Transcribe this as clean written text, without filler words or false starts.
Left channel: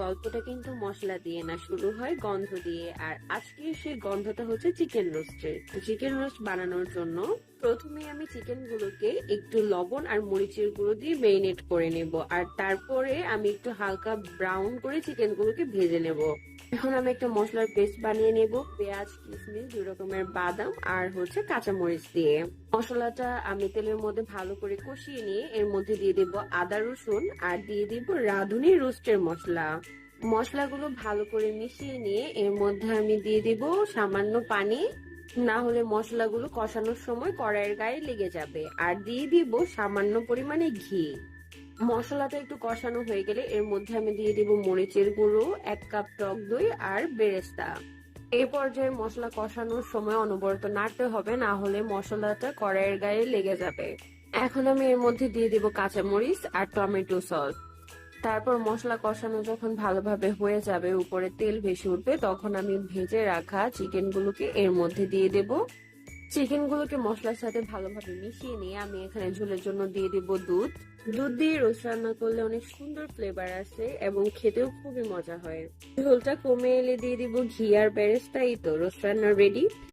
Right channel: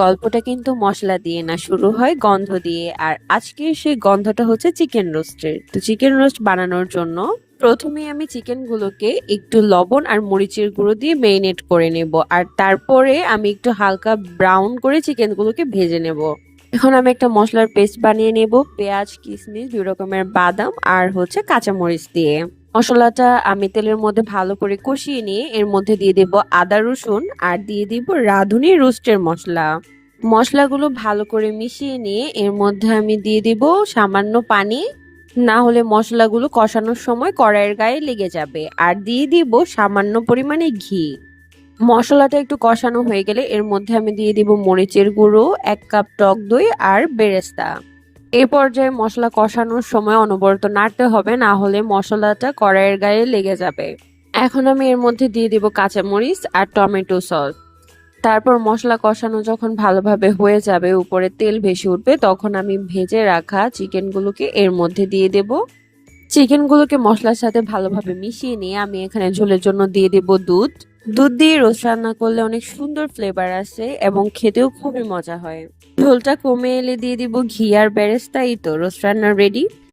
গল্পটা কিন্তু মশলা দিয়ে না, শুরু হয় গন্ধ দিয়ে। আর আজকে সেই গন্ধটা হচ্ছে চিকেন রোস্টের। তো চিকেন রোস্ট বানানোর জন্য প্রথমে আমি চিকেন গুলোকে একটু লবণ আর মরিচের গুঁড়ো দিয়ে মেরিনেট করে নেব, আর তারপরে আমি একটু হালকা ব্রাউন করে চিকেন গুলোকে ভেজে নেব। এখন আমি একটা মশলার পেস্ট বানিয়ে নেব, পেঁয়াজ, কিশমিশ, 2 রকমের বাদাম আর হচ্ছে কাঁচামরিচ দিয়ে। মশলাটা আমি তেলের মধ্যে ভালো করে কষিয়ে নিয়ে এর মধ্যে দিয়ে দেব আদা রসুন আর দিয়ে দিব রাঁধুনি রোস্টের মশলা। মশলাগুলো ভালো করে মিশিয়ে নিয়ে এর মধ্যে আমি দিয়ে দিব সামান্য পানি, না হলে মশলাগুলো কষানোর সময় কড়াইয়ের গায়ে লেগে যাবে। আর দিয়ে দিব সামান্য পরিমাণে ঘি। মশলাটা একটু কষানো হয়ে গেলে এর মধ্যে আমি দিয়ে দিব মরিচের গুঁড়ো, 1 কাপ টক দই আর বেরেস্তা। এই পর্যায়ে মশলা কষানোর সময় অনবরত নাড়তে হবে, না হলে মশলাটা কড়াইয়ের গায়ে লেগে যাবে। এখন আমি এর মধ্যে দিয়ে দিব কাঁচামরিচ আর টমেটো সস। তারপর মশলা কষানো যখন ভালোভাবে হয়ে যাবে, উপরে তেল ভেসে উঠবে, তখন আমি ভেজে রাখা চিকেনগুলোকে এর মধ্যে দিয়ে দেব। চিকেনগুলোকে মশলার সাথে ভালোভাবে মিশিয়ে নিয়ে আমি এখানে ঝোলের জন্য দিয়ে দেব দুধ। দুধ দিয়ে রোস্ট রান্না করলে অনেক সুন্দর ফ্লেভার আসে এবং খেতেও খুবই মজা হয়। ঝোলটা কমে এলে দিয়ে দিব ঘি আর বেরেস্তা। এই তো রোস্ট রান্না রেডি।